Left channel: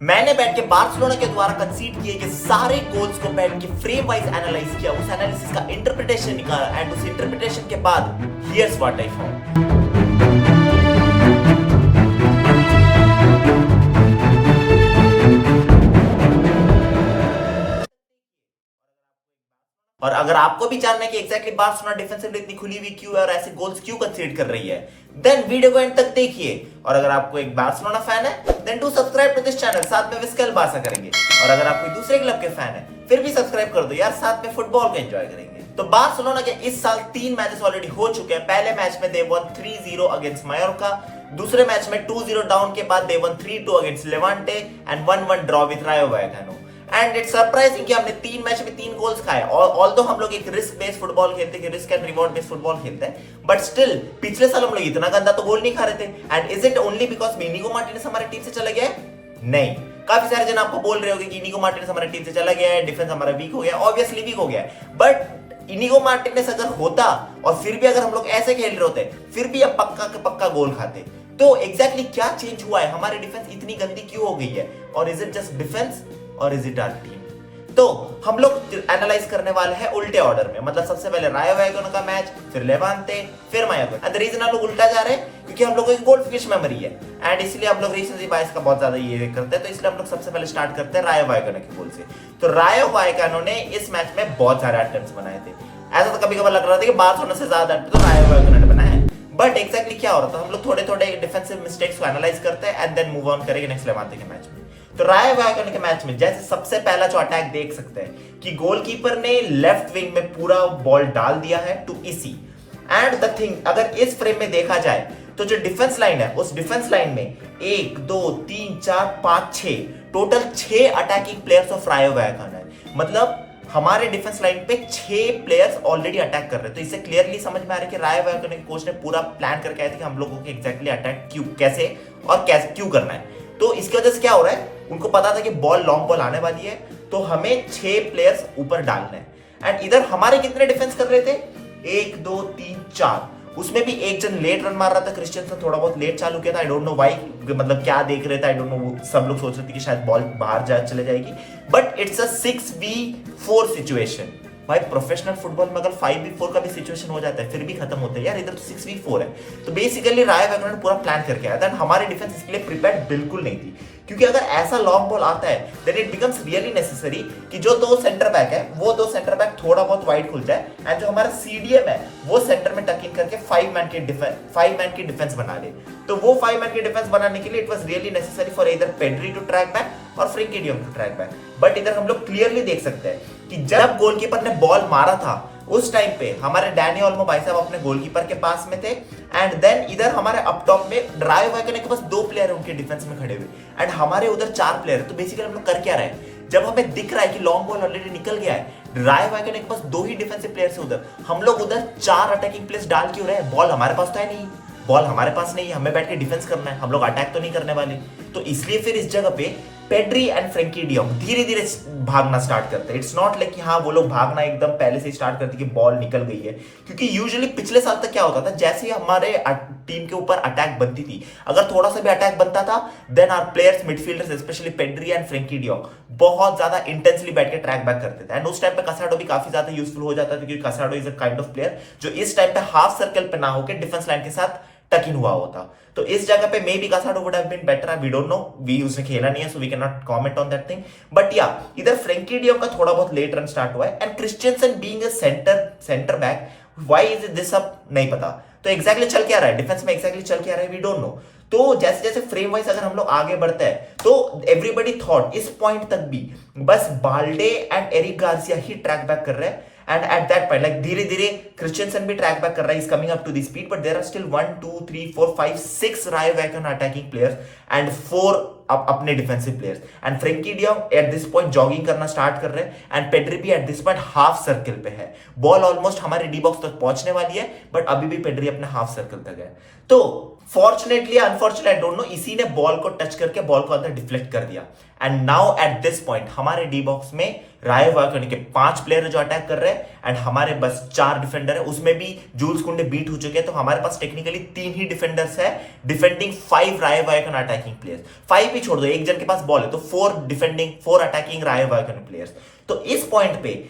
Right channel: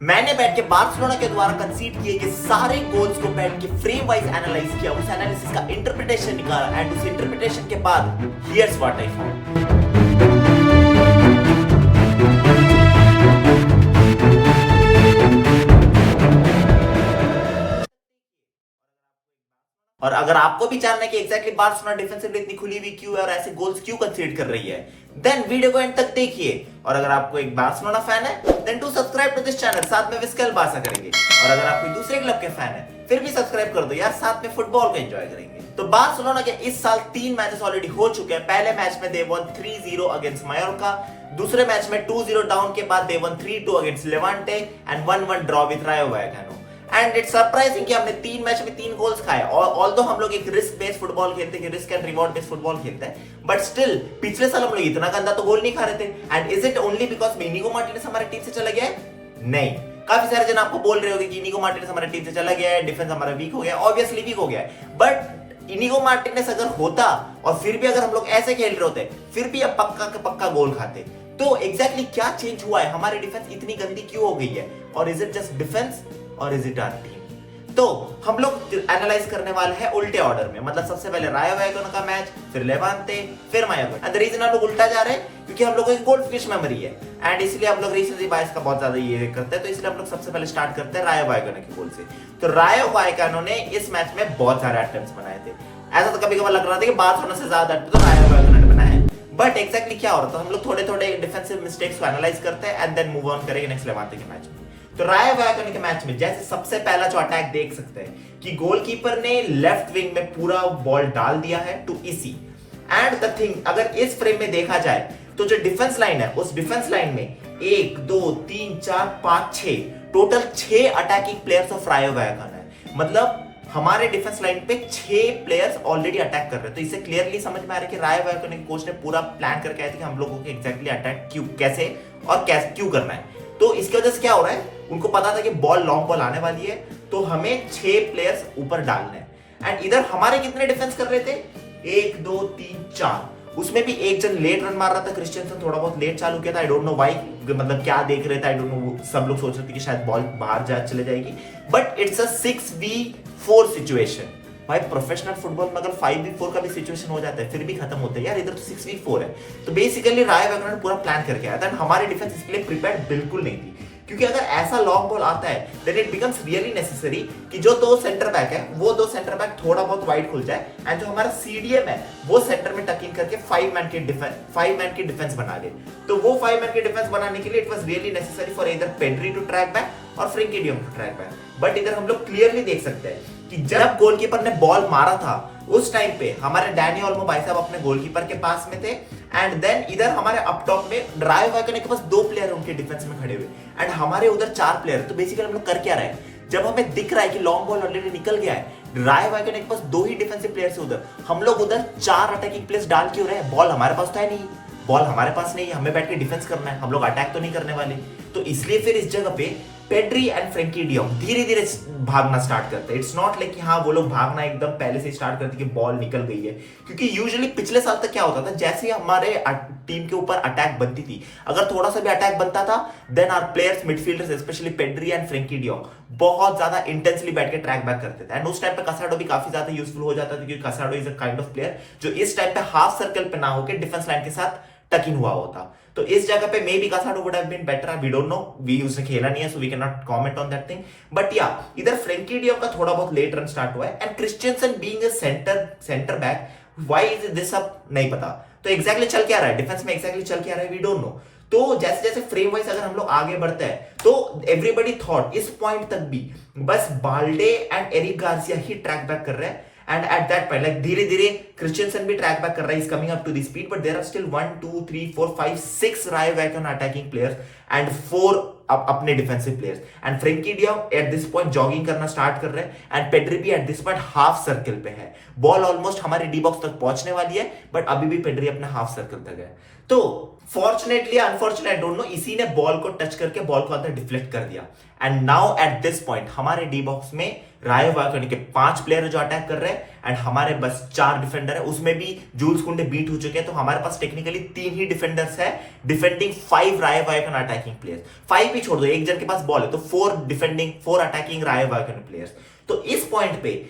मैंने बैठ के बार्सिलोना के द्वारा कंसीड किए गए सारे गोल्स को बैठ के फ्रेम वाइज एनालाइज किया, उस एनालिसिस का इंटरप्रिटेशन निकाला एंड उस इंटरप्रिटेशन के बाद हियर्स व्हाट आई फाउंड। और अगर आपको भी जानना है कि एग्जैक्टली बार्सिलोना डिफेंसिव इतनी खुली हुई क्यों है और ऐसे गोल्स क्यों कंसीड कर रही है, देन वीडियो को एंड तक देखिए। और अगर आपको एक बार्सिलोना फैन है then do subscribe to this channel, साथ में विस्कल बारसा करेंगे। और अगर आप कोई दूसरे क्लब के फैन है फिर भी सब्सक्राइब कर दो यार, साथ में फुटबॉल को एंजॉय करेंगे। तो बार्सिलोना के इस साल 3 मैचेस ऑलरेडी हो चुके हैं। पहले मैच में दे वन 3-0 अगेंस्ट मायोर्का, दूसरे मैच में 2-0 डाउन के बाद they won 3-2 against Levante and 1-1 draw with Rayo Vallecano. And it's surprising कि हमने 3 मैच में 3 गोल्स खाए। और ऑल्दो हम लोग एक रिस्क बेस्ड फुटबॉल खेलते हैं, risk and reward based football खेलते हैं, बट स्टिल पिछले साल हम लोग इतना गंदा तो गोल नहीं खा रहे थे। And is it only because Inigo Martinez हमारी टीम से चला गया है? नहीं। काफी सारे जन आपको बोल रहे होंगे कि इनिगो मार्टिनेज हमारी टीम से चला गया है, डिफेंस हमारा वीक हो गया, ऑब्वियसली वीक हो गया है। बट इनिगो मार्टिनेज अगर होता और फिर भी अगर हम लोग ऐसे खेल रहे होते फिर भी अब पक्का के पक्का गोल खाते। तो एग्जैक्टली क्या चेंज हुआ है, हमारी डिफेंस इतनी गंदी क्यों हो गई है, और इज इट जस्ट डिफेंस और इज इट आवर टीम? तो हम लोग एनालाइज करने वाले हैं उल्टे ऑर्डर में, मतलब सबसे पहले रायो वैकानो का मैच, फिर लेवांते, फिर मायोर्का। एंड द रीजन हम लोग उल्टा जा रहे हैं क्योंकि हम लोगों की गोल्ड फिश मेमोरी है एंड इसलिए हम लोग रीसेंसी बायस का बहुत ज्यादा ये करते हैं। तो इसलिए हम लोग सबसे पहले स्टार्ट करते हैं रायो वैकानो के गोल से। तो रायो वैकानो ने इस मैच में बहुत सारे अटेम्प्ट्स बनाए थे। ऐसा तो कभी कभार लग रहा था कि बार्सिलोना से ज्यादा अटेम्प्ट तो रायो वैकानो ने बनाए हैं, बट एक्जैक्टली क्या हो रहा था, हम लोग थोड़े थोड़े डिफेंसिव मिस्टेक्स को एनालाइज करते हैं एंड देन मूव ऑन करेंगे नेक्स्ट लेवांते के मैच में। तो रायो वैकानो के मैच में जैसे सबसे पहला जो अटैक देख सकते हैं कि गोलकीपर ने लेफ्ट विंग में पूरा बॉल डाल दिया है to Isi. And the thing, अगर इस फ्रेम में देखा जाए तो जो डिफेंस लाइन है उस डिफेंस लाइन में 1 2 3 4 5 6 टोटल 6 अटैकिंग प्लेयर्स ऑफ रायो वैकानो है। मतलब हमारे डिफेंस लाइन पे 6 प्लेयर्स ऑलरेडी अटैक कर रहे हैं। तो इससे क्लियरली समझ में आ रहा है कि रायो वैकानो के कोच ने पूरा प्लान करके आए थे कि हम लोगों को एग्जैक्टली अटैक क्यों, कैसे और कैसे क्यों करना है। तो इसकी वजह से क्या हो रहा है, उनको पता था कि बॉल लॉन्ग बॉल आने वाली है तो हमें 6 प्लेयर्स ऊपर डालने हैं। एंड इधर हमारे कितने डिफेंस कर रहे थे, 1 2 3 4, उसमें भी एक जन लेट रन मार रहा था, क्रिश्चियनसन थोड़ा बहुत लेट चालू किया था। आई डोंट नो व्हाई, मतलब क्या देख रहे थे, आई डोंट नो। सब लोग सोच रहे थे कि शायद बॉल बाहर जा चले जाएगी, but it's a 6v4 situation. भाई प्रोफेशनल फुटबॉल में अगर 5v4 का भी सिचुएशन हो जाता है फिर भी खत्म होता है यार, इधर तो 6v4 है। तो बेसिकली रायो वैकानो ने पूरा प्लान करके आया था। हमारी डिफेंस इसके लिए प्रिपेयर्ड बिल्कुल नहीं थी, क्योंकि अगर ऐसा लॉन्ग बॉल आता है then it becomes really necessary कि जो 2 सेंटर बैक है वो 2 सेंटर बैक थोड़ा बहुत वाइड खुल जाए एंड जो हमारा सीडीएम है वो सेंटर में टक इन करके 5 मैन की डिफेंस बना ले। तो वो 5 मैन की डिफेंस बनाने के लिए it was really necessary for either Pedri to track back और Frenkie de Jong to track back. But इधर हम लोग क्लियरली देख सकते हैं कि जब गोलकीपर ने बॉल मारा था उस टाइम पे हमारे डैनी ओल्मो भाई साहब अपने गोलकीपर के पास में थे। एंड देन इधर हमारे अप टॉप में रायो वैकानो के पास 2 प्लेयर है उनके डिफेंस में खड़े हुए एंड हमारे उधर 4 प्लेयर है। तो बेसिकली हम लोग कर क्या रहे हैं, जब हमें दिख रहा है कि लॉन्ग बॉल ऑलरेडी निकल गया है, रायो वैकानो के पास 2 ही डिफेंसिव प्लेयर्स है उधर, हम लोग उधर 4 अटैकिंग प्लेयर्स डाल क्यों रहे हैं? बॉल हमारे पास तो है नहीं, बॉल हमारे पास नहीं है, हमें बैठ के डिफेंस करना है, हम लोग अटैक तो नहीं करने वाले। तो इसलिए फिर इस जगह पे पेड्री एंड फ्रैंकी डी जॉन्ग धीरे धीरे भागना स्टार्ट करते हैं। इट्स नॉट लाइक कि हाँ वो लोग भागना एकदम पहले से स्टार्ट करते कि बॉल निकल गई है, क्योंकि यूजुअली पिछले साल तक क्या होता था, जैसे ही हमारे टीम के ऊपर अटैक बनती थी, अगर थोड़ा सा भी अटैक बनता था then our players midfielders specially Pedri and Frenkie de Jong बहुत ज्यादा इंटेंसली बैठ के ट्रैक बैक करते थे। एंड उस टाइम पे कासाडो भी काफी ज्यादा यूजफुल हो जाता था, क्योंकि Casado is a kind of player जो इस टाइम पे हाफ सर्कल पे ना होकर डिफेंस लाइन के साथ टक इन हुआ होता। तो इस जगह पे maybe Casado would have been better, we don't know, we उसने खेला नहीं है so we can not comment on that thing. But yeah इधर फ्रैंकी डी जॉन्ग का थोड़ा बहुत लेट रन स्टार्ट हुआ है and Christiansen being a centre back, why is this up नहीं पता। तो एग्जैक्टली चल क्या रहा है डिफेंस में, एग्जैक्टली चल क्या रहा है वी डोंट नो। तो जैसे जैसे फ्रेम वाइज अगर हम लोग आगे बढ़ते हैं तो एवरीबडी थॉट इस पॉइंट तक भी बस बाल्डे एंड एरिक गार्सिया ही ट्रैक बैक कर रहे हैं। And at that point like धीरे धीरे क्रिश्चियनसन भी ट्रैक बैक कर रहा है, is coming up to the speed, but there are still 1 2 3 4 5 6 रायो वैकानो अटैकिंग प्लेयर्स एंड 4 अपने defensive players. And Frenkie de Jong at this point jogging करना start कर रहे हैं एंड पेड्री भी at this point half circle पे है। Ball almost हमारे डी बॉक्स तक पहुंचने वाली है बट अभी भी पेड्री अपने हाफ सर्कल तक है। तो fortunately unfortunately I don't know, इसी ने बॉल को टच करके बॉल को अंदर डिफ्लेक्ट कर दिया and now at this point हमारे डी बॉक्स में रायो वायकोन के 5 प्लेयर जो अटैक कर रहे हैं एंड हमारे बस 4 डिफेंडर है, उसमें भी जूल्स कुंडे बीट हो चुके हैं, तो हमारे पास टेक्निकली 3 ही डिफेंडर्स है डिफेंडिंग 5 रायो वायकोन अटैकिंग प्लेयर्स। 5 ही छोड़ दो, एक जन के पास बॉल है तो 4 डिफेंडिंग 4 अटैकिंग रायो वायकोन प्लेयर्स। तो इस पॉइंट पे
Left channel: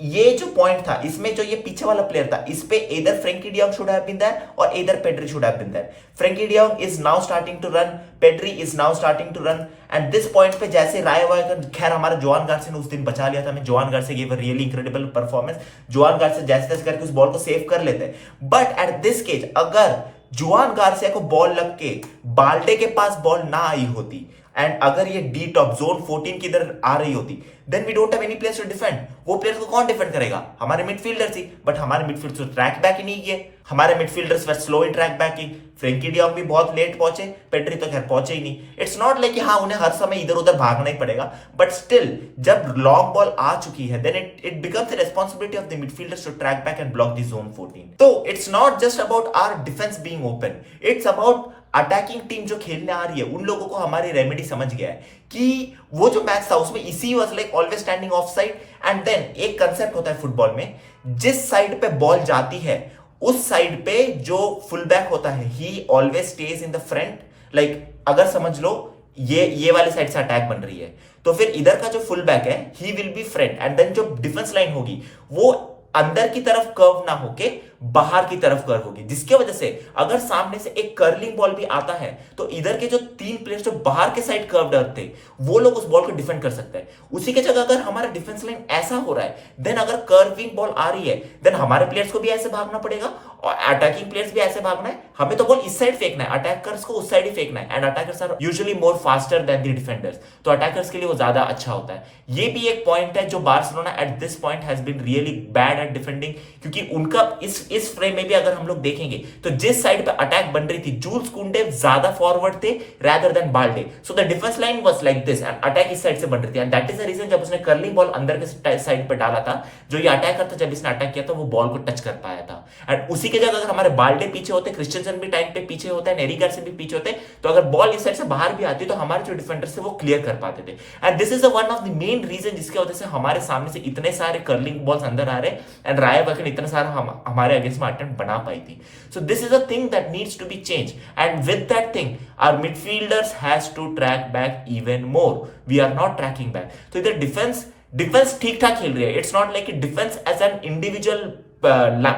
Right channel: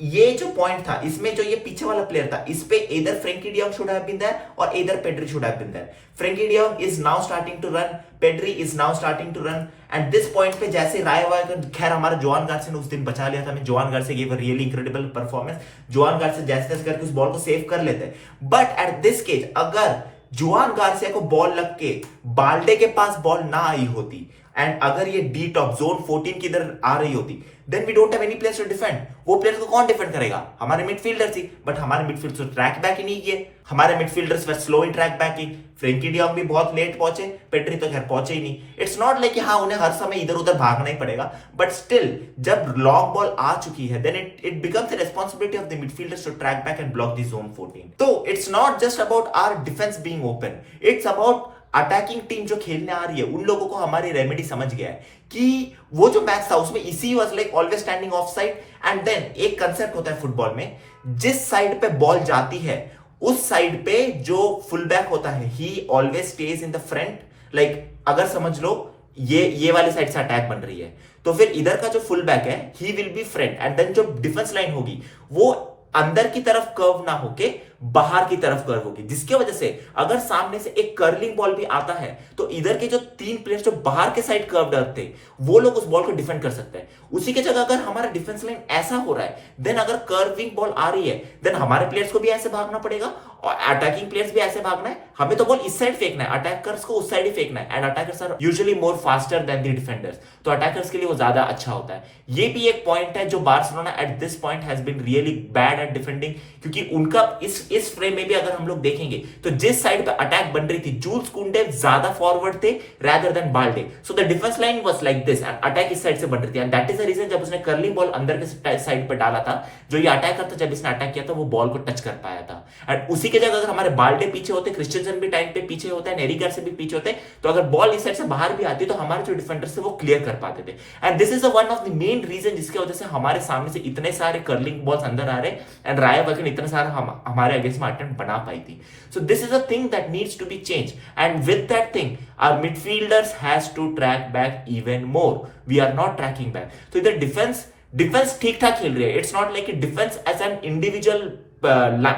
ये जो पॉइंट था, इसमें जो ये पीछे वाला प्लेयर था, इस पे इधर Frenkie de Jong should have been there और इधर Pedri should have been there. Frenkie de Jong is now starting to run, Pedri is now starting to run and this point पे जैसे रायो वायकोन, खैर हमारा जोआन गार्सिया ने उस दिन बचा लिया था, मैं Joan Garcia give a really incredible performance. Joan Garcia जैसे तैसे करके उस बॉल को सेव कर लेते हैं, बट एट दिस केज अगर जोआन गार्सिया को बॉल लग के बाल्डे के पास बॉल ना आई होती एंड अगर ये डी टॉप जोन 14 की इधर आ रही होती, then we don't have any players to defend. वो प्लेयर्स को कौन डिफेंड करेगा? हमारे मिडफील्डर्स ही, बट हमारे मिडफील्डर्स तो ट्रैक बैक ही नहीं किए, हमारे midfielders were slow in track backing. Frenkie de Jong भी बहुत लेट पहुंचे, पेड्री तो खैर पहुंचे ही नहीं। इट्स नॉट लाइक कि हाँ उन्हें हर समय इधर उधर भागना ही पड़ेगा, बट स्टिल जब लॉन्ग बॉल आ चुकी है then it becomes the responsibility of the midfielders to track back and block the zone 14। तो it's not just about our defence being open, it's about attacking team जो खेलने आ रही है उन लोगों को हमारी रेमेडी समझ गया है कि वो जो मैच था उसमें इसी was like always standing off side and then एक कंसेप्ट होता है फुटबॉल में, जिस साइड पे बॉल जाती है उस साइड पे जो फुल बैक होता है ही always stage in the front. Like अगर समझ लो ये वाले साइड से अटैक बन रही है तो फिर इधर का जो फुल बैक है he will be front and then जो डिफेंस लाइन होगी वो अंदर की तरफ कर्व ना होके बाहर की तरफ कर्व होगी, जिसकी वजह से अगर सामने से एक कर्लिंग बॉल भी आता है तो इधर के जो 3 प्लेयर्स जो बाहर के साइड कर्व थे वो लोग उस बॉल को डिफेंड कर सकते हैं। उसी के जगह अगर हमारा डिफेंस लाइन ऐसा हो रहा है देन अगर कर्विंग बॉल आ रही है देन हमारे प्लेयर्स को भी ऐसे भागना पड़ेगा और अटैकिंग प्लेयर्स भी ऐसे भागना है। हमें तो बॉल इस साइड फेंकना है, अटैकर्स को उस साइड ही फेंकना है and attackers are usually more faster than the defenders, तो अटैकर्स के लिए वो ज्यादा अच्छा होता है। ये भी एक पॉइंट है जो Barcelona at this point has been really bad at defending, क्योंकि उनका इस फ्रेम में भी अगर हम लोग देखेंगे तो जिस साइड पे अटैक बन रही थी जूल्स कुंडे ज्यादा फॉरवर्ड थे rather than Balde, so the defence line was like this and attack इस साइड से बन रही थी and that is the reason जब उसने कर्लिंग बॉल अंदर के साइड पे डाला था जो ये अटैकर था, जब इसने अटैक किया था वो बॉल को टच कर पाया था। एंड उसी के जगह अगर हमारे बाल्डे पीछे होते, क्रिस्टियनसन भी टाइम पे पीछे होता है, एरिक गार्सिया भी पीछे होते, तो अगर बॉल इस साइड से बाहर भी आती तो हमारे जो डिफेंडर्स थे वो क्लियर कर पाते थे and this is one of the main reason जिसकी वजह से हमारे सामने से इतने सारे कर्लिंग बॉल्स अंदर आ रहे एंड रायो वायकोन इतना सारा हमारे अगेंस्ट में अटेम्प्ट बना पाई थी। So this is a thing that needs to be changed and with that thing our midfielders has to track back even more. We are not tracking back. So इधर defence ठीक ठाक खेल रही है, it's not like a defense as an individual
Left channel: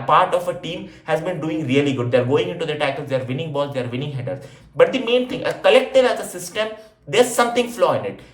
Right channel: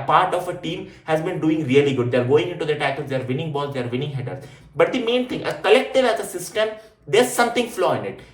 part of a team has been doing really good. They are going into the tackles, they are winning balls, they are winning headers, but the main thing, a collective as a system, there's something flaw in it.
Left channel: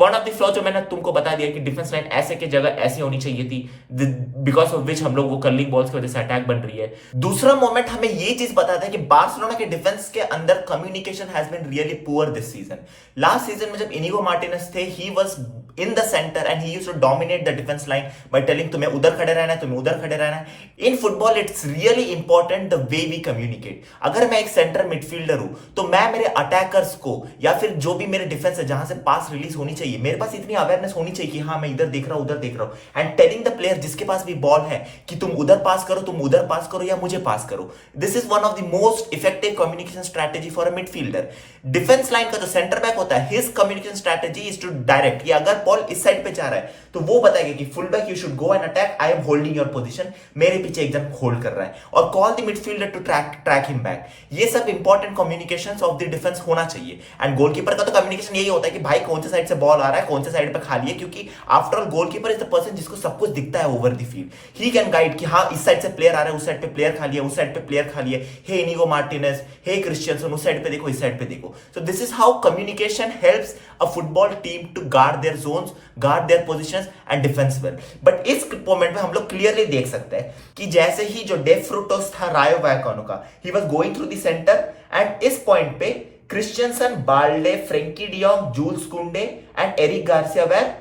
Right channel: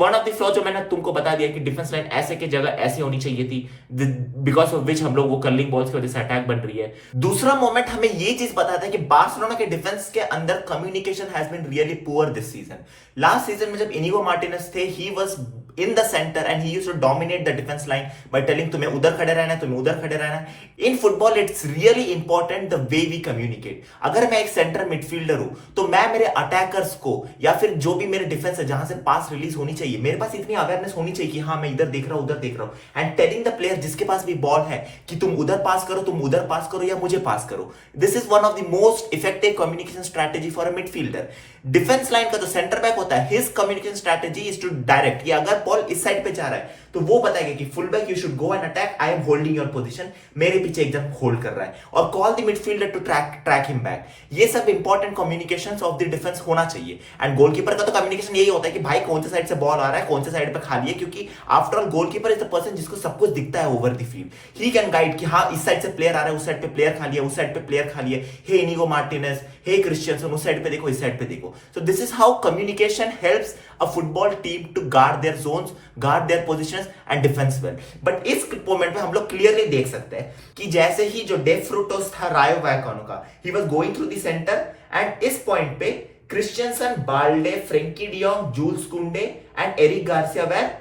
One of the flaw जो मैंने तुमको बता दिया कि defence line ऐसे की जगह ऐसी होनी चाहिए थी, बिकॉज ऑफ विच हम लोग वो कर्लिंग बॉल्स की वजह से अटैक बन रही है। दूसरा मोमेंट हमें ये चीज बताता है कि बार्सिलोना के डिफेंस के अंदर communication has been really poor this season. Last season में जब इनिगो मार्टिनेज थे he was in the centre and he used to dominate the defence line by telling तुम्हें उधर खड़े रहना है, तुम्हें उधर खड़े रहना है। In football it's really important the way we communicate. अगर मैं एक सेंटर मिडफील्डर हूं तो मैं मेरे अटैकर्स को या फिर जो भी मेरे डिफेंस है जहां से पास रिलीज होनी चाहिए, मेरे पास इतनी अवेयरनेस होनी चाहिए कि हाँ मैं इधर देख रहा हूं उधर देख रहा हूं एंड टेलिंग द प्लेयर जिसके पास भी बॉल है कि तुम उधर पास करो, तुम उधर पास करो या मुझे पास करो। This is one of the most effective communication strategy for a midfielder. Defence line का जो सेंटर बैक होता है his communication strategy is to direct, या अगर बॉल इस साइड पे जा रहा है तो वो बताएगा कि full back you should go and attack, I am holding your position, मेरे पीछे एकदम होल्ड कर रहा है, और call the midfielder to track him back. ये सब important communications of the defence होना चाहिए एंड गोलकीपर का तो कम्युनिकेशन यही होता है कि भाई कौन से साइड से बॉल आ रहा है, कौन से साइड पे खाली है, क्योंकि after all goalkeeper is the person जिसको सब कुछ दिखता है over the field. He can guide कि हाँ इस साइड से प्लेयर आ रहा है, उस साइड पे प्लेयर खाली है, उस साइड पे प्लेयर खाली है, hey Inigo Martinez, hey Christensen, उस साइड पे देखो, इस साइड पे देखो। So this is how communication helps a football team to guard their zones, guard their positions and defence well. But इस मोमेंट में हम लोग क्लियरली देख सकते हैं कि जैसे ही जो डे फ्रूटोस था रायो वायकानो का, he was going through the centre and इस पॉइंट पे Christensen, Balde, Frenkie de Jong, Jules Kounde and Eric Garcia were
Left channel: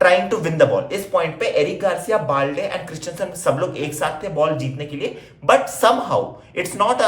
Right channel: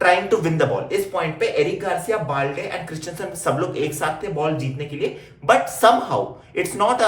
trying to win the ball. इस पॉइंट पे Eric Garcia, Balde and Christensen सब लोग एक साथ थे बॉल जीतने के लिए, but somehow it's not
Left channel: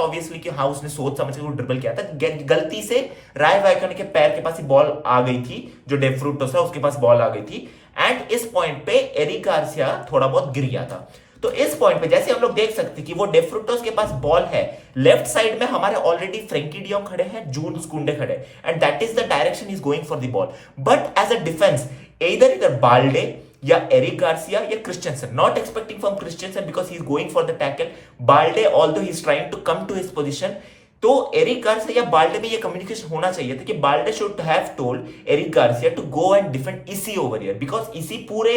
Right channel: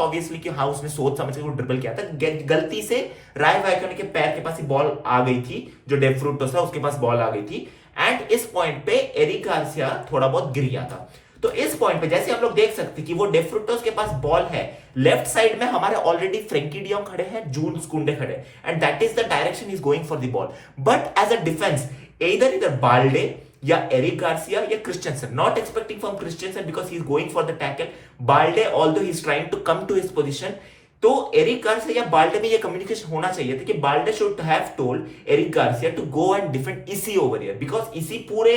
obviously कि हाँ उसने सोच समझ के ड्रिबल किया था, गलती से रायो वायकानो के पैर के पास ही बॉल आ गई थी, जो डे फ्रूटोस है उसके पास बॉल आ गई थी एंड इस पॉइंट पे एरिक गार्सिया थोड़ा बहुत गिर गया था। तो इस पॉइंट पे जैसे हम लोग देख सकते हैं कि वो डेफ्रुटोस के पास बॉल है, लेफ्ट साइड में हमारे ऑलरेडी फ्रेंकी डियोंग खड़े हैं, जूल्स कुंडे खड़े, and that is the direction is going for the ball. But as a defence इधर बाल्डे या एरिक गार्सिया या Christensen, not expecting from Christensen because he is going for the tackle, Balde although he is trying to come to his position. तो Eric Garcia या Balde में ये communication होना चाहिए था कि Balde should have told Eric Garcia to go and defend Isi over here, because इसी पूरे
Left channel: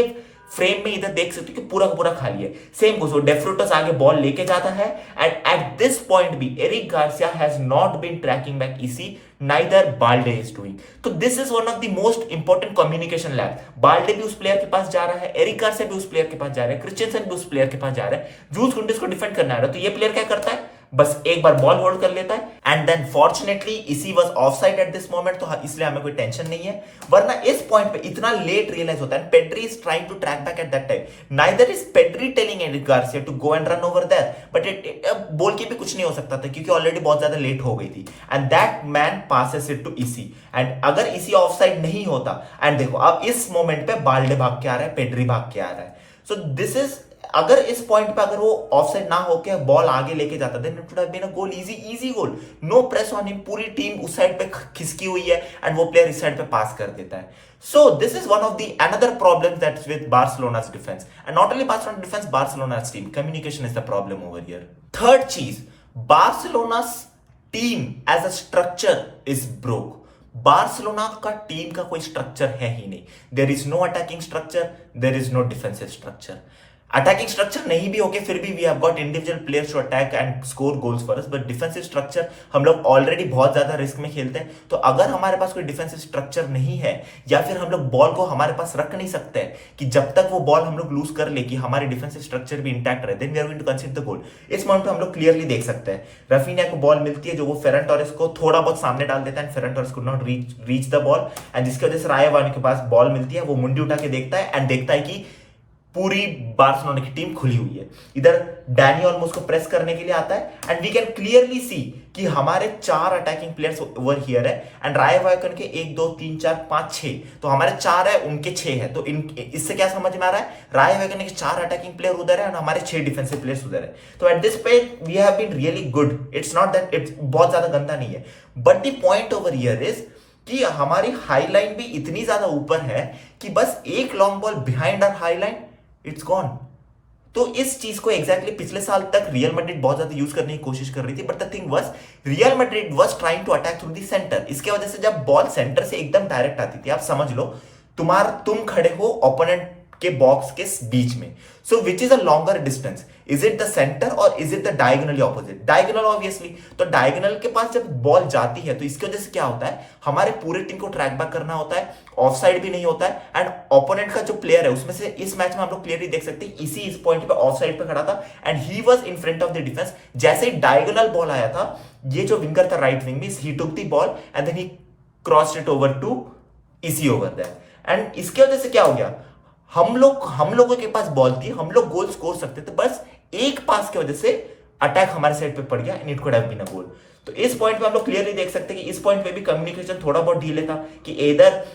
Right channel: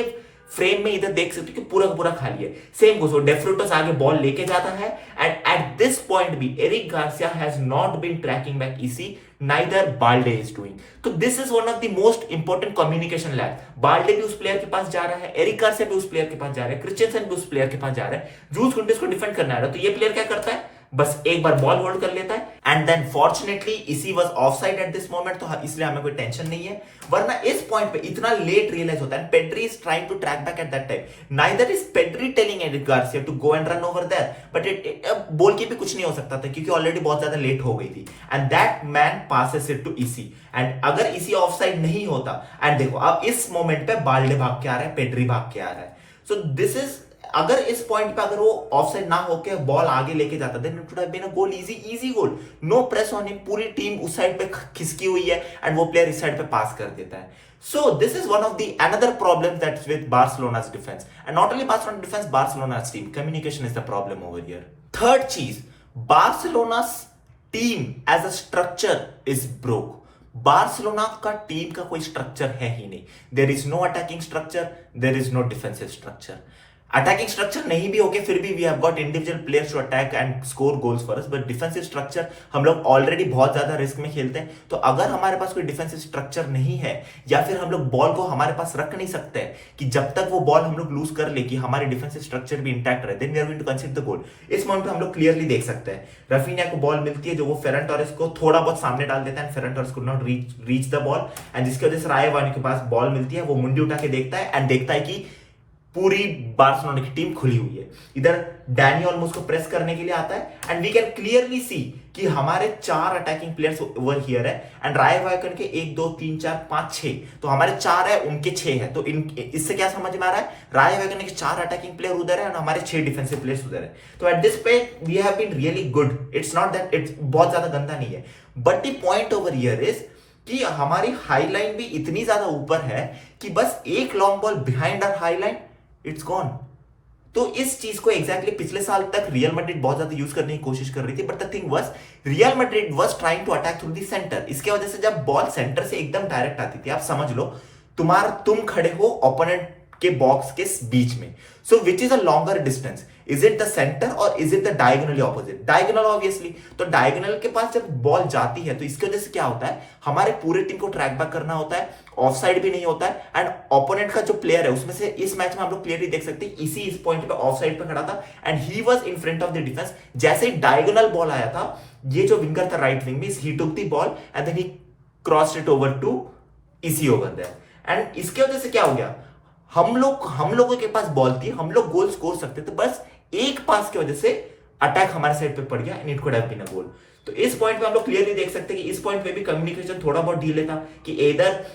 फ्रेम में इधर देख सकते हो कि पूरा का पूरा खाली है। सेम गोस, डेफ्रुटस आगे बॉल लेके जाता है एंड एट दिस पॉइंट भी Eric Garcia has not been tracking back Isi, neither Balde is doing. तो this is one of the most important communication lab. Balde भी उस प्लेयर के पास जा रहा है, एरिक गार्सिया भी उस प्लेयर के पास जा रहा है, क्रिस्टियनसन भी उस प्लेयर के पास जा रहा है, जूल्स कुंडे को डिफेंड करना आ रहा है। तो ये प्लेयर क्या करता है, बस एक बार बॉल होल्ड कर लेता है एंड देन फॉर्चुनेटली इसी was offside at this moment, तो इसलिए हमें कोई टेंशन नहीं है। वरना इस पॉइंट पे इतना लेट रियलाइज होता है, Pedri is trying to track back at that time, neither is Pedri telling Eric Garcia to go and run over there, but it ball के भी कुछ नहीं हो सकता था क्योंकि ऑलरेडी बहुत ज्यादा लेट हो गई थी and that man passes it to Isi. And अगर इसी ऑफसाइड नहीं होता, एंड देखो अब इस मोमेंट पे बाल्डे भाग के आ रहा है, पेड्री भाग के आ रहा है, सो दिस इज, अगर इस पॉइंट पे अगर वो ऑफसाइड ना होके बॉल आगे लेके जाता then it would have been a goal, easy goal, no press on him, पूरी टीम उस साइड पे खिसकी हुई है एंड वो प्लेयर इस साइड पे पास कर देता है। So this is one of the another problem that's with Barcelona's defence, and not only Barcelona defence, Barcelona's team communication is the problem over here. Third चीज, Barcelona's team as a structure is broke. Barcelona का team का कोई structure है ही नहीं, there is no attacking structure, there is no defensive structure. Attacking structure नहीं भी होके फिर भी we have got individual players to attack and score goals for us, but defensive structure हम लोग ऑलरेडी बहुत ज्यादा रिस्क में खेलते हैं। तो अगर हमारे पास कोई डिफेंसिव स्ट्रक्चर नहीं है या फिर हम लोग बॉल को हमारे पास रख नहीं सकते कि जब तक वो बॉल हम लोग लूज कर ले कि हमारे डिफेंसिव स्ट्रक्चर भी इंटैक्ट रहे, then we are going to consider the goal. इस पॉइंट पे हम लोग क्लियरली देख सकते हैं, रफीनिया को बॉल मिलती है जो वो फेरन टोरेस को थोड़ा बहुत सामने डाल देता है, Ferran Torres could not reach the ball and जिसकी वजह से रायवानी के पास बॉल मिलती है, वो मुंडी उठा के देखता है एंड देखता है कि पूरी बार्सिलोना की टीम खुली हुई है। इधर डैनी ऑल्मो उसको प्रेस करने के लिए आता है and we can clearly see कि हमारे 4 अटैकिंग प्लेयर्स ओवर हियर है एंड राय वायकन के 1 2 3 4 5 6, तो हमारे 4 है उनके 6 है। तो इससे क्या समझ में आ रहा है, राय वायकन के 4 अटैकिंग प्लेयर उधर है और हमारे 6 डिफेंसिव प्लेयर्स उधर है। तो at this point we have been really good, it's not that it's बहुत ज्यादा गंदा नहीं है, but the point over here is कि हमारी हाई लाइन भी इतनी ज्यादा ऊपर है कि बस एक long ball behind our high line it's gone. तो इस चीज को एग्जैक्टली पिछले साल तक रियल मैड्रिड बहुत ज्यादा यूज करने की कोशिश कर रही थी, but the thing was Real Madrid was trying to attack through the centre. इसके वजह से जब बॉल सेंटर से एकदम डायरेक्ट आती थी, आप समझ लो तुम खड़े हो ओपोनेंट के बॉक्स के बीच में, so which is a longer distance, is it the centre और is it the diagonally opposite, diagonal obviously. तो डायगोनल के पास जब बॉल जाती है तो इसकी वजह से क्या होता है, हमारे पूरे टीम को ट्रैक बैक करना होता है, ऑफ साइड भी नहीं होता है एंड ओपोनेंट का जो प्लेयर है उसमें से इस मैच में हम लोग क्लियरली देख सकते हैं इसी इस पॉइंट पे ऑफ साइड पे खड़ा था and he was in front of the defence. जैसे ही डायगोनल बॉल आया था, ये जो विंगर था राइट विंग में, he took the ball and then he crossed it over to इसी ओवर देयर एंड इसकी वजह से क्या हो गया, हम लोगों के पास बॉल थी, हम लोग गोल स्कोर सकते थे, बस एक पास की वजह से अटैक हमारे साइड पे पड़ गया and it could have been a goal. तो इस पॉइंट पे हम लोग क्लियरली देख सकते हैं कि इस पॉइंट पे भी कम्युनिकेशन थोड़ा बहुत ढीले था कि इधर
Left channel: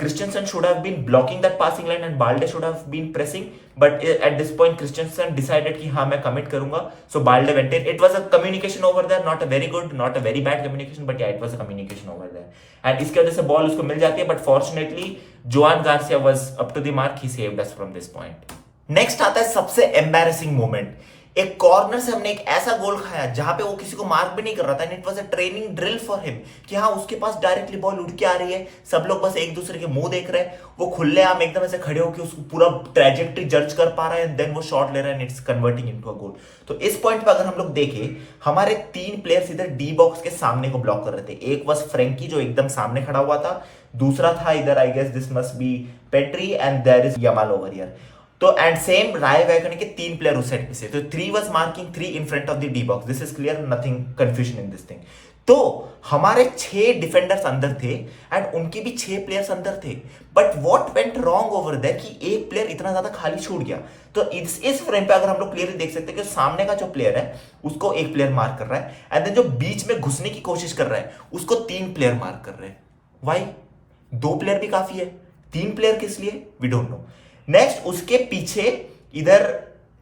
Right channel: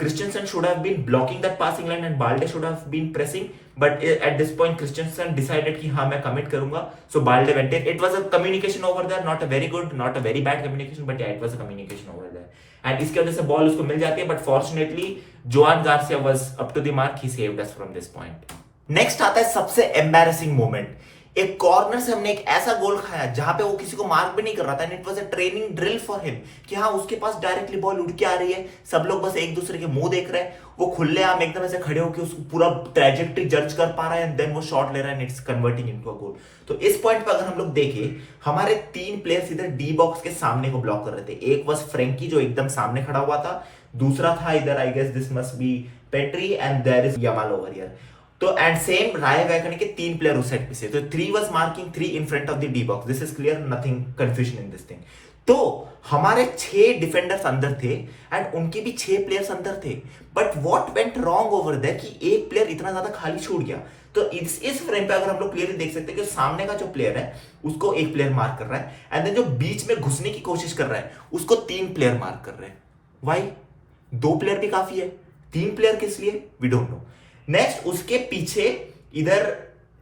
Christensen should have been blocking that passing line and Balde should have been pressing, but at this point Christensen decided कि हाँ मैं commit करूंगा, so Balde went in. It was a communication over there, not a very good, not a very bad communication, but yeah, it was a communication over there. And इसके वजह से ball उसको मिल जाती है, but fortunately Joan Garcia was up to the mark, he saved us from this point. Next आता है सबसे embarrassing moment. एक कॉर्नर से हमने एक ऐसा गोल खाया जहां पे वो किसी को मार्क भी नहीं कर रहा था, it was a training drill for him कि हाँ उसके पास डायरेक्टली बॉल उड़ के आ रही है, सब लोग बस एक दूसरे के मुंह देख रहे हैं, वो खुले आम एकदम ऐसे खड़े होकर उसको पूरा ट्रेजेक्टरी जज कर पा रहा है एंड देन वो शॉट ले रहा है and it's converting into a goal. तो इस पॉइंट पे अगर हम लोग देखें, हमारे 3 प्लेयर्स इधर डी बॉक्स के सामने को ब्लॉक कर रहे थे। एक वाज फ्रेंकी जो एकदम सामने खड़ा हुआ था, दूसरा था इधर I guess this must be Pedri and there is Yamal over here. तो एंड सेम राय वैगन के 3 प्लेयर उस साइड पे से, तो 3 was marking 3 in front of the D box, this is clear, nothing confusion in this thing. तो हमारे 6 defenders अंदर थे एंड उनके भी 6 प्लेयर्स अंदर थे, but what went wrong over there कि एक प्लेयर इतना ज्यादा खाली छूट गया। तो इस फ्रेम पे अगर हम लोग क्लियरली देख सकते हैं कि सामने का जो प्लेयर है उसको एक प्लेयर मार्क कर रहा है एंड देन जो बीच में घुसने की कोशिश कर रहा है उसको 3 प्लेयर मार्क कर रहे हैं। वाई? 2 प्लेयर भी काफी है, 3 प्लेयर किस लिए, वी डोंट नो। नेक्स्ट उसके पीछे इधर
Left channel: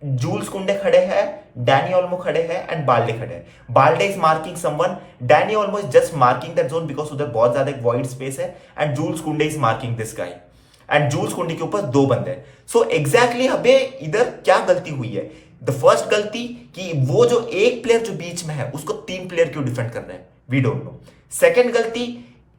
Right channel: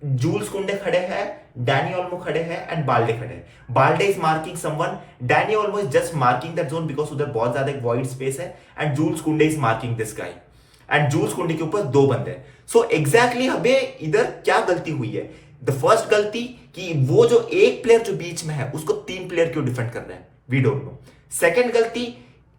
जूल्स कुंडे खड़े हैं, डैनी ओल्मो खड़े हैं एंड बाल्डे खड़े हैं। Balde is marking someone, Dani Olmo is just marking that zone because उधर बहुत ज्यादा एक वॉइड स्पेस है, and Jules Kounde is marking this guy, and Jules Kounde के ऊपर 2 बंदे। सो एग्जैक्टली हमें इधर क्या गलती हुई है? द फर्स्ट गलती कि वो जो एक प्लेयर जो बीच में है उसको 3 प्लेयर क्यों डिफेंड कर रहे हैं, वी डोंट नो। सेकंड गलती,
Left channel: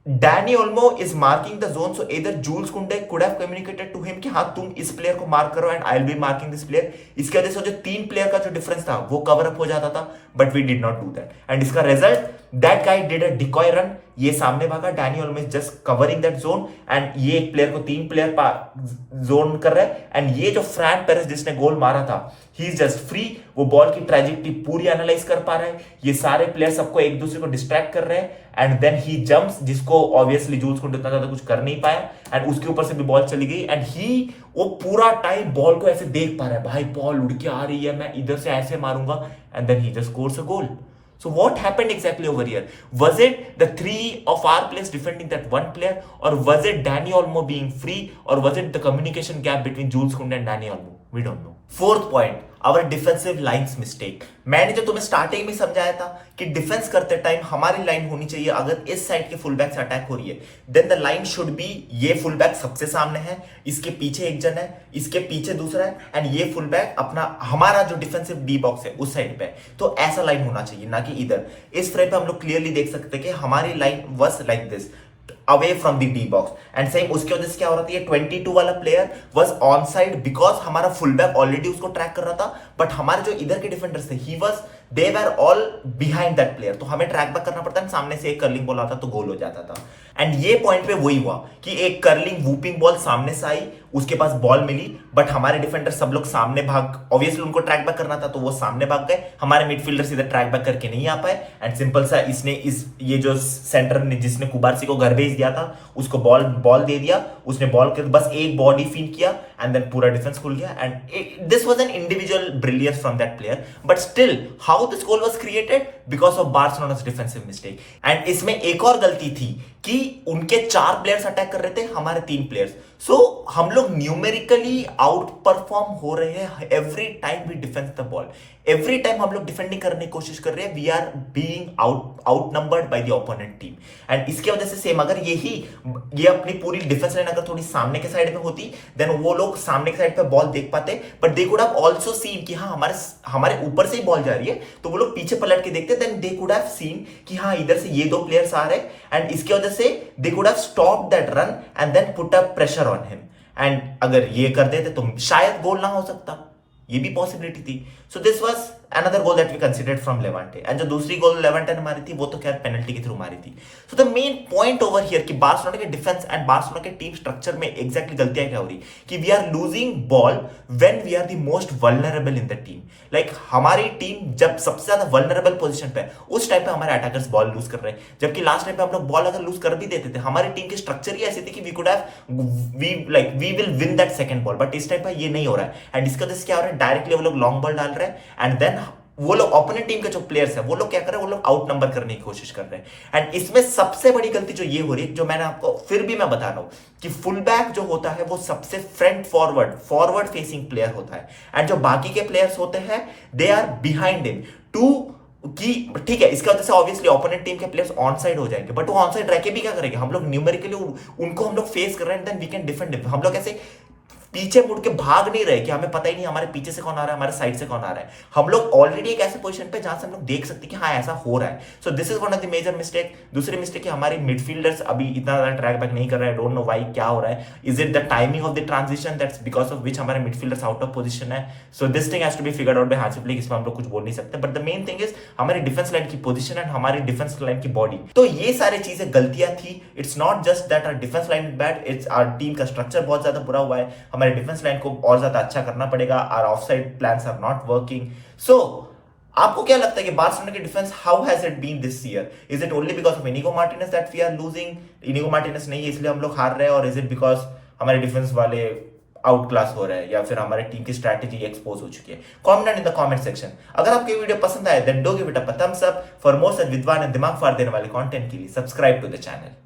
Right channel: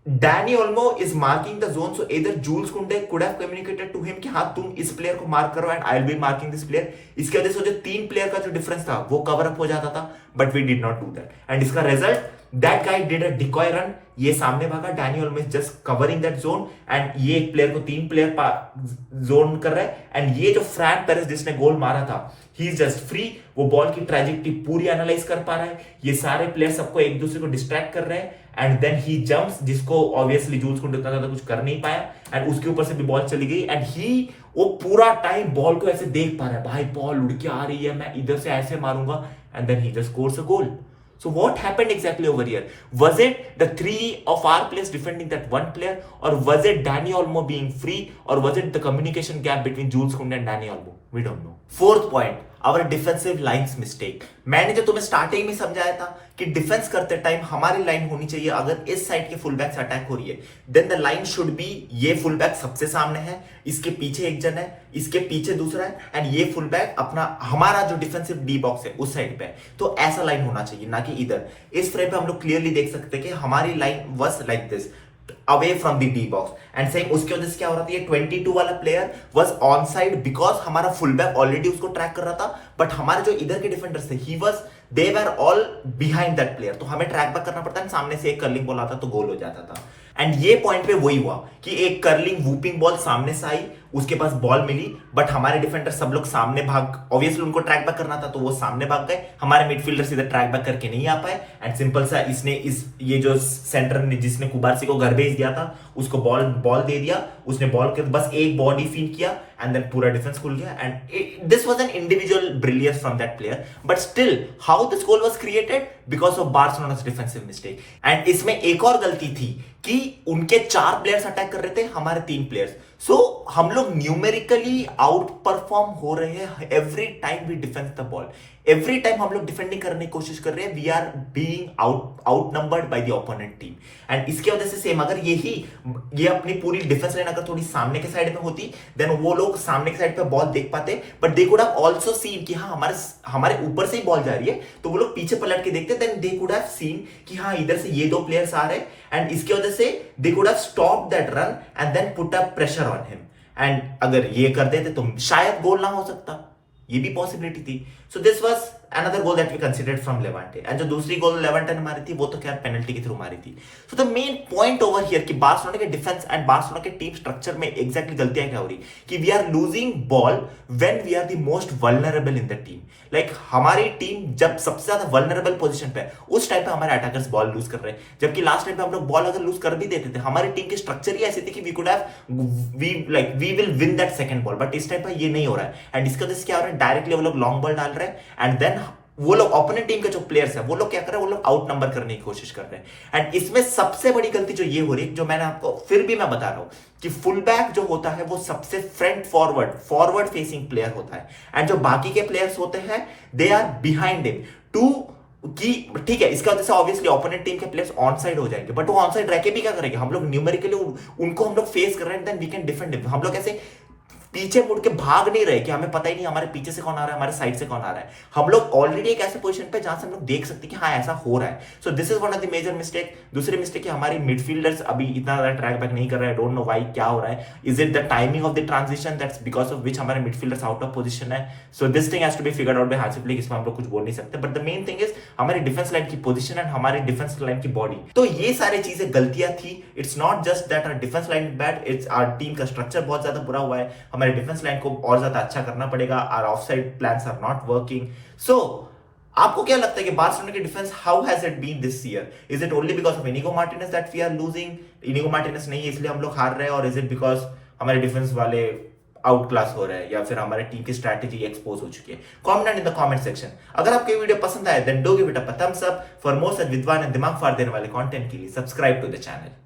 Dani Olmo is marking the zone, so इधर Jules Kounde could have communicated to him कि हाँ तुम इस प्लेयर को मार्क करो and I will be marking this player. इसके वजह से जो 3 प्लेयर का जो डिफरेंस था वो कवर अप हो जाता था, but we did not do that, and इसका result that guy did a decoy run, ये सामने भागा, Dani Olmo is just covering that zone, and ये एक प्लेयर को 3 प्लेयर जोन कर रहा है, एंड ये जो फ्रैंक पेरेस जिसने गोल मारा था ही इज जस्ट फ्री, वो बॉल की ट्रेजेक्टरी पूरी एनालाइज कर पा रहा है, ये सारे प्लेयर सबको एक दूसरे को डिस्ट्रैक्ट कर रहे हैं, एंड देन ही जंप्स, जिसको ऑब्वियसली जूल्स को उतना ज्यादा कुछ कर नहीं पाया, एंड उसके ऊपर से भी बॉल चली गई, एंड ही वो पूरा टाइम बॉल को ऐसे देख पा रहा है, भाई बॉल उड़ के आ रही है, मैं इधर से ऐसे मारूंगा, and then he just scores a goal. So what happened exactly over here? Was it the 3 of our players defending that one player, or was it Dani Olmo being free, or was it the communication gap between Jules Kounde and Dani Olmo? We don't know. Fourth point, our defensive lines mistake. मैंने जो तुम्हें starting में समझाया था कि defence करते time हमारी line होनी चाहिए, अगर इस साइड के फुल बैक से अटैक हो रही है then the line should be, ये फुल बैक सबसे सामने है, इसके पीछे एक जन है, इसके पीछे दूसरा है, एंड ये फुल बैक अपना हमारा जो डिफेंसिव डी बॉक्स है उस साइड पे, तो ऐसा लाइन होना चाहिए, ना कि इधर। इस फ्रेम पे हम लोग क्लियरली देख सकते हैं कि हमारी line was like this, away from the D box, and same उसकी वजह से क्या हो रहा था, ये 22 वाला player was on side because हमारा फुल बैक ऑलरेडी उसको ट्रैक कर रहा था, बट हमारे जो इधर के डिफेंडर्स थे he was they were all behind that player, तो हमें ट्रैक बैक करना पड़ता है, सामने से एक कर्लिंग बॉल आता तो गोल हो जाता था। एंड ये पॉइंट पे वही हुआ कि एक कर्लिंग वूपिंग बॉल सामने से आई, उसके पास बॉल मिली, बट हमारे डिफेंडर सब लोग सामने भाग, ऑब्वियसली उनको ट्रैक बैक करना था तो वो सामने भाग गए, हमारे मिडफील्डर्स इधर ट्रैक बैक करके नहीं आ पाए, एंड सिंपल सा इसने ये जो सेंटर ने जिसने कुबारसी को घर भेज दिया था उसको बॉल दे दिया, उसने बॉल के बस एक बॉडी फीड किया, एंड देन पूरा डिफेंस खुल गया, and this was an individual brilliance from that player, but still how this goal was created because of Barcelona's defensive mistake. And इसमें एक और गलती थी कि उनके 4 प्लेयर्स अटैक कर रहे थे, हमारे 3 प्लेयर्स, सो हम लोग न्यूमेरिकली आउट परफॉर्म हो रहे हैं every time we defend the ball, every time हम लोग डिफेंडिंग करने की कोशिश कर रहे हैं, we are being outnumbered by the opponent team, and इसके वजह से सेम अगर ये अपनी पूरी डिफेंस लाइन अगर थोड़ी सामने के साइड में होती देन वो लोग सामने के साइड पे बॉल देख पाते, but they could have also seen कि हाँ हमारे ऊपर से ही बॉल जा रही है, तो वो लोग पीछे पलट के देखते, then they could have seen कि हाँ इधर से ये 2 प्लेयर्स आ रहे हैं, एंड इसके वजह से they could have stop that run and then put up pressure on him, and अगर ये कर देते तो शायद गोल ना हो सकता, ये भी पॉसिबिलिटी थी। So this was another goal that we considered from Levante, and जो दूसरी गोल लेवांटे ने मारी थी वो तो खैर पेनल्टी के थ्रू मारी थी। So the main point over here कि बार्सिलोना के डिफेंस एंड बार्सिलोना के टीम स्ट्रक्चर में एग्जैक्टली गलतियां क्या हो रही कि we are losing ball when we are the most vulnerable in the team, like हमारी टीम जब सबसे ज्यादा वल्नरेबल पोजीशन पे उस टाइम पे हमारे अटैकर्स बॉल लूज कर रहे हैं, जबकि लास्ट टाइम पे हम लोग बॉल अगर लूज कर भी देते थे हमारी टीम की स्ट्रक्चर ही ऐसी थी कि we could have we will win that second ball, but इस टाइम पे ये नहीं हो रहा है, एंड इसका वजह से क्या हो रहा है डायरेक्टली वो लोग लॉन्ग बॉल डाल रहे हैं, एंड देन वो लोग ओपोनेंट टीम के जो प्लेयर्स है वो लोग क्या कर रहे हैं, वो लोग आउट नंबर करने की कोशिश कर रहे हैं, एंड इसमें सबसे बड़ी गलती जो ये हो रही है, जो मैंने आपको फिर भी मैं बता रहा हूं कि फुल बैक जो होता है वो सबसे फ्रंट फॉरवर्ड फेसिंग प्लेयर होता है, एंड जो बाकी के प्लेयर्स होते हैं they are behind him too कि ठीक है, इसका वजह से ऑब्वियसली ओपोनेंट टीम के प्लेयर्स ऑन साइड हो जाएंगे, बट वो ऑन साइड रह के भी क्या करेंगे, हम लोग न्यूमेरिकली उनको हम लोग फेस कर रहे हैं, देन वी कैन डिफेंड, हम लोग ऐसे पीछे मुड़ के भाग नहीं रहे कि हमें पता ही नहीं हमारे पीछे से कौन आ रहा है, हमारे साइड से कौन आ रहा है, हम लोग ऑलरेडी एक ऐसे पोजीशन पे जहां से हम लोग देख सकते हैं कि हाँ ऐसा हो रहा है। So this is one of the major mistake. दूसरी मिस्टेक हमारी मिडफील्डर्स अभी इतना ज्यादा ट्रैक बैक नहीं कर रहे हैं, डोंट नो व्हाई, क्या हो रहा है, is it the timing of the transition that's because of which हमारे मिडफील्डर्स आउट ऑफ पोजीशन है, so this thing has to be figured out by Hansi Flick, इसमें हम लोग कुछ बोल नहीं सकते, but the main thing is हमारी डिफेंस लाइन की पोजीशन एंड हमारी डिफेंस लाइन की बॉडी, तो ये सारी चीजें गलतियां थी। It's not just that our defence line is bad, it's our team का स्ट्रक्चर बहुत ज्यादा बुरा हुआ है, हमारे डिफेंस लाइन को और ज्यादा अच्छा करना पड़ेगा, our offside plans are not working. So आपको क्या लगता है कि बार्सिलोना की defence how has it been this year? Is it only because of Inigo Martinez that we are losing? Inigo Martinez नहीं है इसलिए हम लोग हार रहे हैं, और इज इट बिकॉज हमारे डिफेंस वाले आउट क्लास हो रहे हैं, या फिर हमारे टीम की स्ट्रैटेजी एक्सपोज हो चुकी है? Comment in the comment section. अगर आपको ये वीडियो पसंद आए then do give it a thumbs up. For more such विद्वान एंड दिमाग फाड़ देने वाले कंटेंट के लिए सब्सक्राइब टू द चैनल।